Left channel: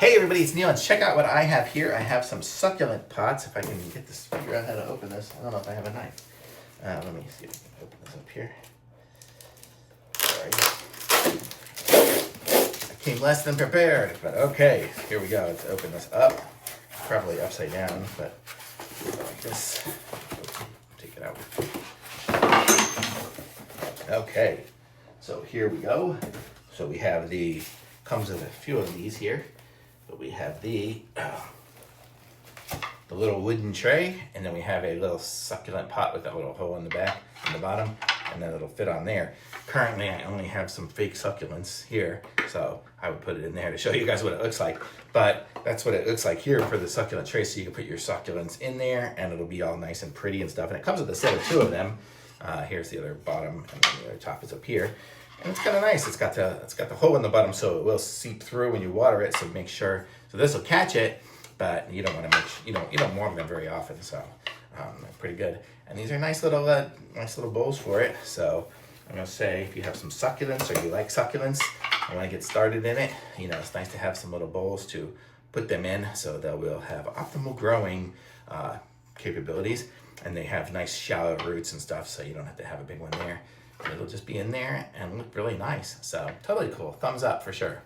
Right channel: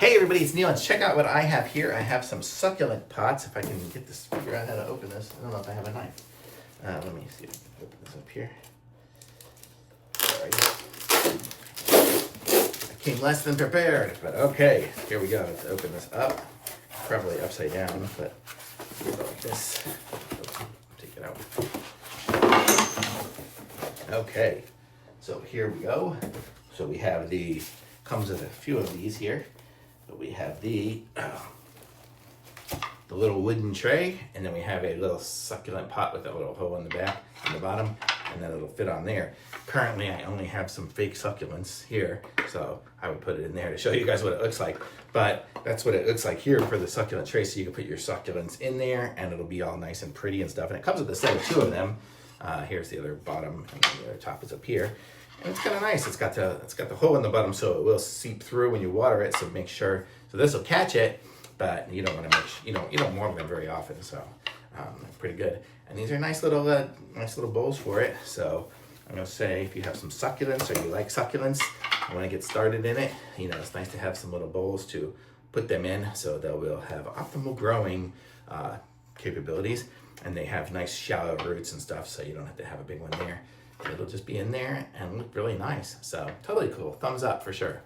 Hey everybody, it's Neil, and check out what I have here. I have some succulent pots. If I can get this, figure out how to open this. I don't know if I have a knife. Let me see if I can open this up here. Sorry. I came less than prepared, but okay. Here we go. Let's open this up. Probably upside down, but like this. Take it out. Okay. So here we go. So we have comes with a few of these here. But we have the little wooden tray, and then we have a little succulent pot with that little hole in the back and the bottom, and then it'll fit on there. Currently, I only have some fake succulents here, so I would put it in there to show you guys what it looks like. But that's what it looks like here for the succulent tray, so you can put your succulents in there, and it'll be all nice and pretty and stuff. And it comes with a set of two of them. Here's the other bottom, and then the other top is up here. And it's kind of nice. It's got the hole in the bottom, so it will seep through when you water it. So make sure. So this will catch it, but you don't want to you don't water them very often. So they're pretty good. And these are nice little bowls for it. So I'm gonna say, if you have some succulents or you like succulents and want to get started in it, it's nice to have some little bowls to put them in, so they will have optimal growing capabilities, and they have nice shallow roots and stuff, so you don't have to have a big one there. It'll just be in there and look really nice. So totally cool. Thumbs up for sure.